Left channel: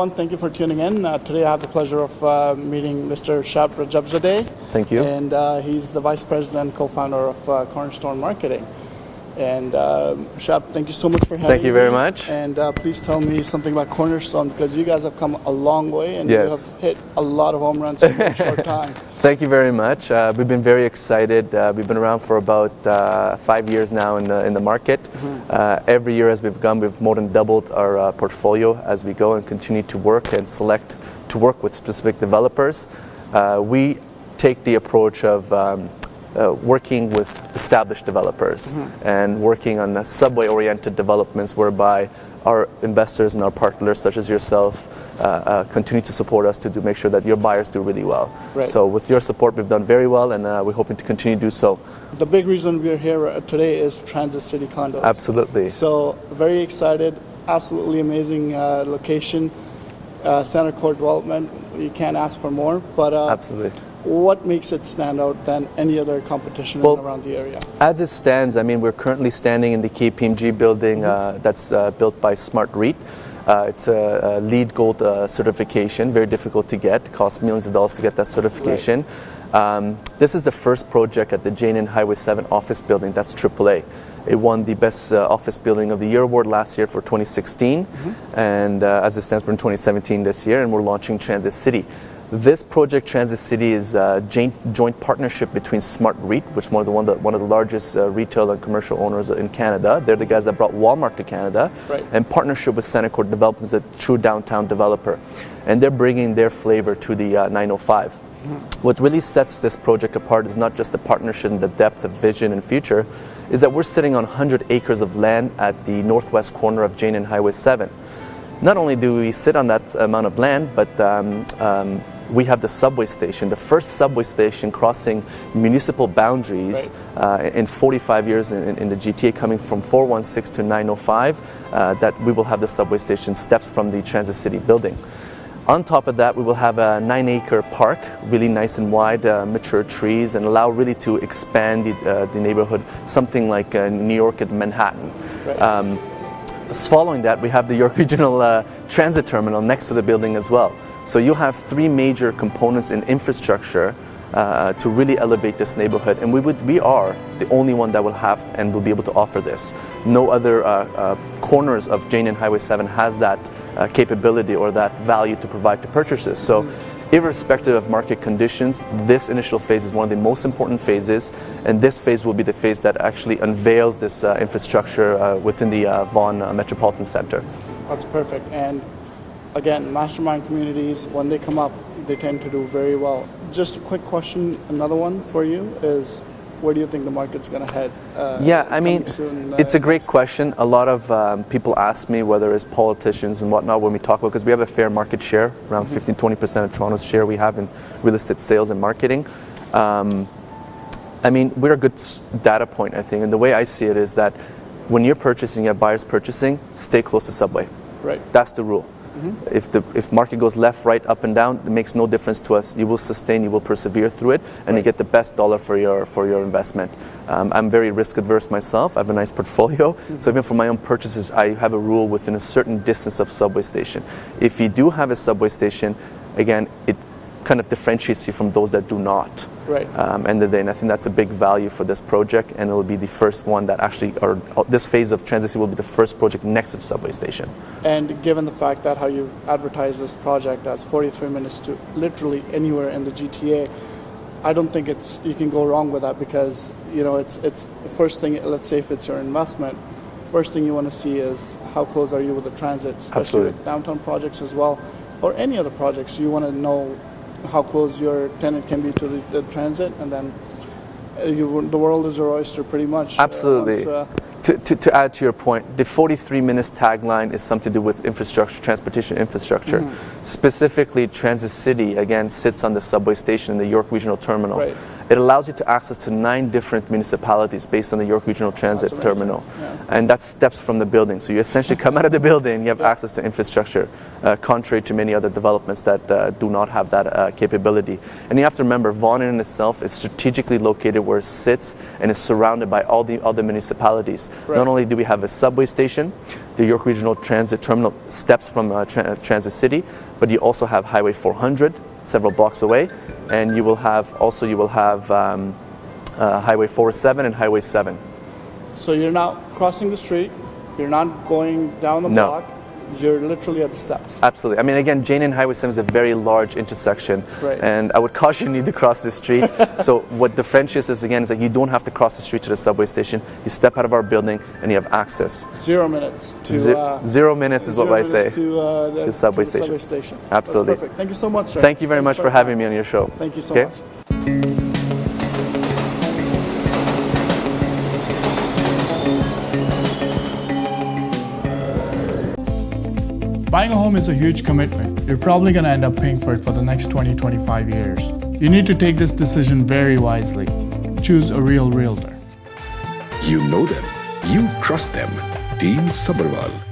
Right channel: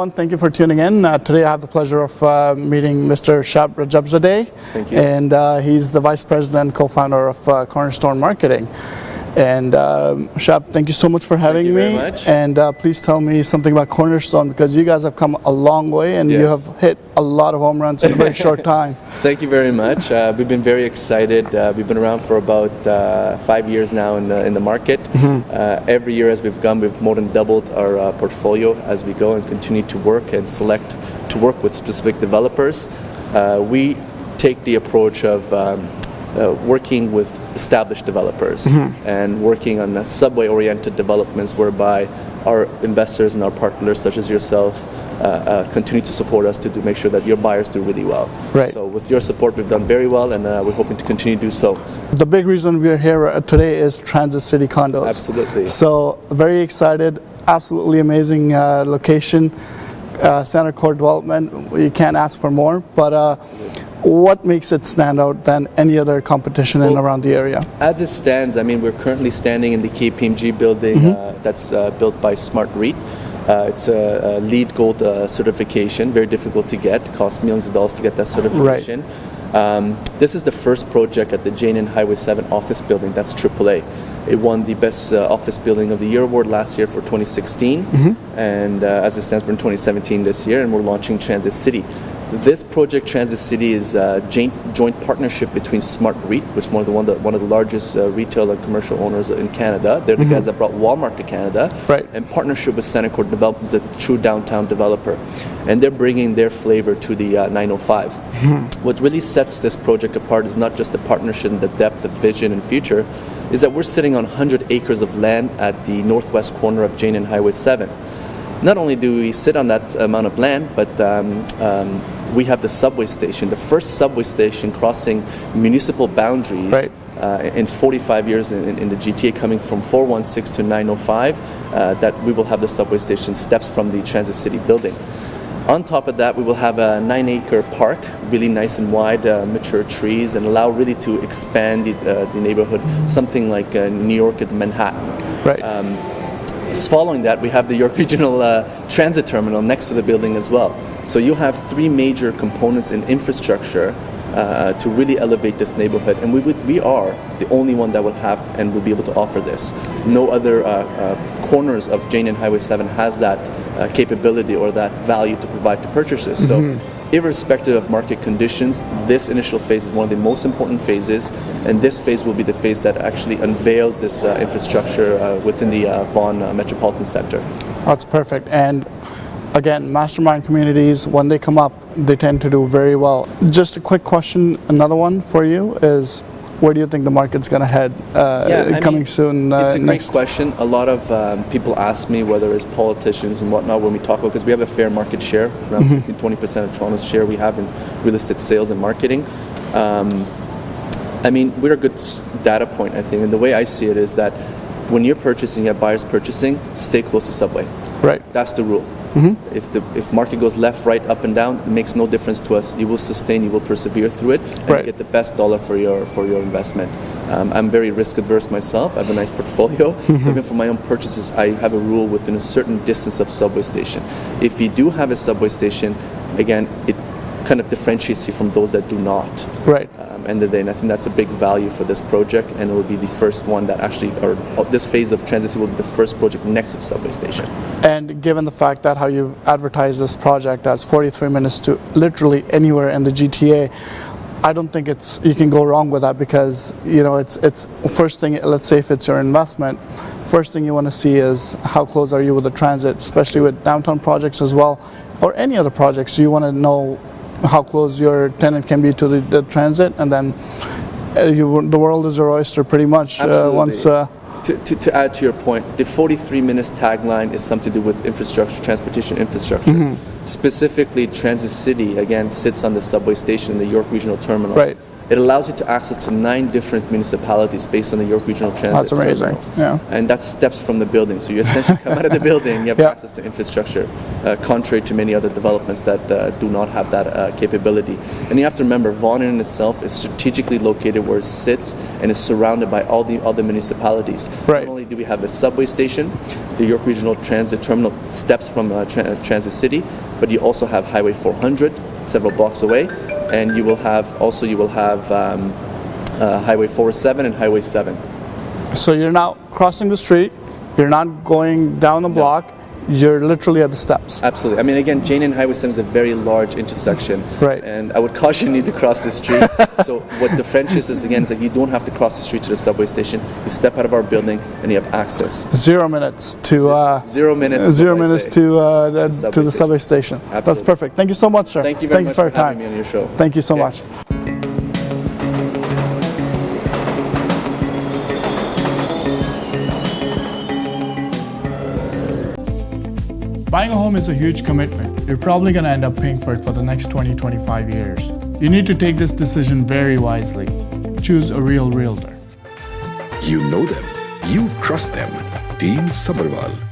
everyone. Thank you for tuning in. Today I have the pleasure of meeting Mr. Shab Rajabzadeh. Thank you. And he's the Vice President and Co-founder of Cornerstone Marketing. And Shab, thank you so much for having me. Thank you very much. And please tell me something about Cornerstone, because you guys have come a long way and you have hit a lot of home runs in a very short time. Thank you very much. We've been very excited. We've been around for about 5 years now in the market. Every year as we've gone, we've more than doubled our portfolio as we go and continue to work and select to work with specific developers. We take the approach of working with established developers and working on subway-oriented developments whereby our investors and our partners, such as yourself, continue to support us to make sure that your buyers do really well. Right. So with your support, we've done very well, and we're hoping to continue to do so. The big reason we're here today is Transit City Condos. Absolutely. So very excited, absolutely amazing location. Center core development, you can't ask for more, but Absolutely. What makes it stand out than any other competition in around the area? As it stands, I mean, we're currently standing in the KPMG building that's built by Smart REIT. It's a LEED Gold certification, very difficult to get, costs millions of dollars to get that certification. Right. This is the first project at the Jane and Highway 7 office building, that's AAA. It won the Best Office Building of the Year award last year for 2016, and as it stands, we're in 2017 this year, and we're launching Transit City. This project, Transit City, is a joint partnership between Smart REIT, which is one of the largest retail and commercial owners in Canada. They're the guys that brought Walmart to Canada, right. And partnership with Center Core Developments, a true downtown developer. And they're bringing their flavor to the 905. What really sets this project apart is not just the partnership and the depth of vision and future, is that we're sitting on 100 acres of land at the northwest corner of Jane and Highway 7. Not only do we sit on that amount of land, but we have the subway station, the first subway station crossing municipal boundaries in 45 years in the GTA, coming from 416 to 905, that we will have the subway station steps from the Transit City building. On top of that, we will have a 9-acre park, really nice and wide, mature trees, and allow really to expand the neighborhood, something like New York and Manhattan. Right. Following that, we have the York Regional Transit Terminal next to the building as well. So you'll have three major components in infrastructure to really elevate this neighborhood, and we are the only one that will have and will be able to offer this. No other corners of Jane and Highway 7 has that capability or that value to provide to purchasers. So irrespective of market conditions, this initial phase is one of the most important phases, and this phase will be the phase that actually unveils this infrastructure within the Vaughan Metropolitan Center. That's perfect. And again, mastermind communities, when they come up, they tend to do very well. Just a quick question, another one for you is, where do you think the market's going to head coming soon? It's a great question. A lot of people ask me, whether it's politicians and whatnot, when we talk about, because we have a fair market share, around 15-20% of Toronto's share we have in real estate sales and marketing. I mean, we're a good data point, I think, and the way I see it is that when you're purchasing, you have buyers purchasing, stay close to subway. Right. That's the rule. If market goes left, right, up and down, it makes no difference to us. You will sustain, you will persevere through it, and you get the best dollar for your investment. I'm very risk adverse myself. I have a nice portfolio, so even for my own purchases, I have a rule within a certain distance of subway station. If you do have a subway station, again, it kind of differentiates you from those that do not. Right. And then I think that's a big value for this project, and it will be the first one that actually, or this phase of Transit will be the first project next to the subway station. And given the fact that how you advertise this project as 43 minutes to literally anywhere in the GTA, I don't think you can go wrong with that, because it's first thing. Let's say if it's your investment, first thing you want to see is how close are you with the transit, especially with downtown projects as well, or any other projects. You want to know how close your tenant can be to the transit, and then the world is your oyster pretty much. Absolutely. To add to your point, the 43 minutes tagline is something to do with infrastructure, transportation infrastructure. Specifically, Transit City, again, sits on the subway station in the York Regional Terminal. Right. It allows you to access to 9 different municipalities based on the York Regional Transit That's amazing. Terminal. Yeah. And that's steps from the building. So you essentially come out of the building, you have Yeah. access to infrastructure, contrary to many other developments that do not have that capability. And you have to remember, Vaughan in itself is strategically located where it sits and is surrounded by all the other municipalities. Right. Not only do we have a subway station, the York Regional Transit Terminal steps from Transit City, but you also have Highway 400, several blocks away, and you will have Highway 407 and Highway 7. So you're not crossing the street, you're not going down the No. block, you're literally at the steps. Absolutely. I mean, again, Jane and Highway 7 is a very large intersection. Right. And I would caution you to cross the street. So what differentiates is, again, is that you don't have to cross the street to the subway station. You step out of our building and you have access. 0 minutes to 0 minutes is zero what I minutes say. to the subway station. Absolutely. That's perfect. Thank you so much, sir. Thank you very much for your having time. me on your show. Thank you so Okay. much. Buying a home is a huge commitment. You're probably going to end up paying for it for the next 20-25 years. You need to take this decision very wisely. Choose a real realtor. You know them. You trust them. Team Sabharwal.